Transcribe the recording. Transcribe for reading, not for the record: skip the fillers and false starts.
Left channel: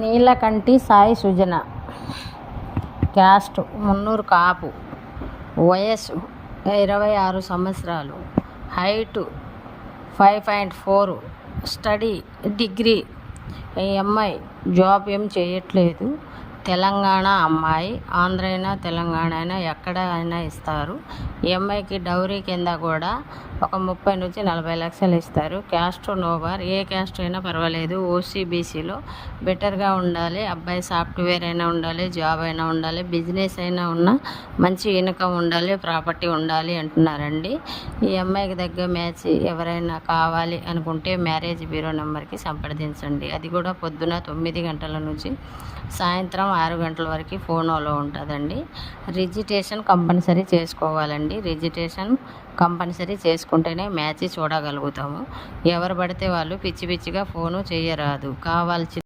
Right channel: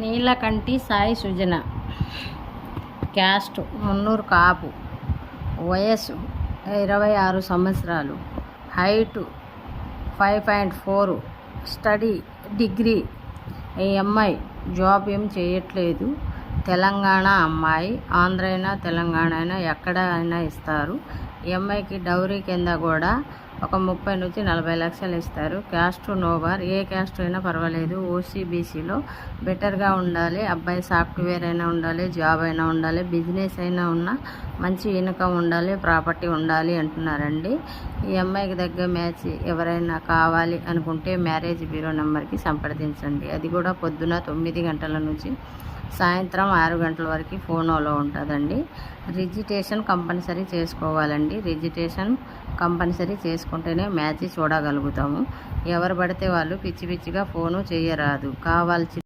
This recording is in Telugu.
నీలకంటి సాయి సుజన, క్యాస్ట్ మున్నూరు కాపు, వయస్సు 26 సంవత్సరాలు, హైటు 5.4, స్టడీ డిగ్రీ. ఈ అమ్మాయి జాబ్ ఏం చేయట్లేదు. తెలంగాణ అమ్మాయి, ఆంధ్ర అయినా తెలంగాణ అయినా ఎక్కడ అయినా ఇస్తారు. ఈ అమ్మాయికి డౌరీ కింద కూడా ఒక 30 నుంచి 40 లక్షలు ఇస్తారు. క్యాస్ట్ నోబార్, ఏ క్యాస్ట్ అయినా పర్వాలేదు. ఓసీబీసీలో బెటర్గా ఉండాలి. అబ్బాయి సాఫ్ట్వేర్ అయినా ఉండాలి, జాబ్ అయినా ఉండాలి, బిజినెస్ అయినా ఉన్నా మంచి ఇన్కమ్ ఉండాలి, ప్రాపర్టీ ఉండాలి అంటున్నారండి. ఈ అమ్మాయికి దగ్గర మ్యాచ్ ఎవరైనా కావాలి అనుకుంటే మ్యారేజ్ బ్యూరో నెంబర్కి సంప్రదించండి. అది కూడా పొద్దున 9 గంటల నుంచి సాయంత్రం 6 గంటల వరకు ఫోన్లో ఉంటుందండి. రిజిస్ట్రేషన్ కంపల్సరీ చేసుకోవాలండి. రిజిస్ట్రేషన్ కంపల్సరీ చేసుకుంటేనే మ్యాచ్ చూడగలుగుతాము. ఎవరు పడితే వాళ్ళు పిచ్చి పిచ్చిగా ఫోను చేయరాదు. కావాల్సి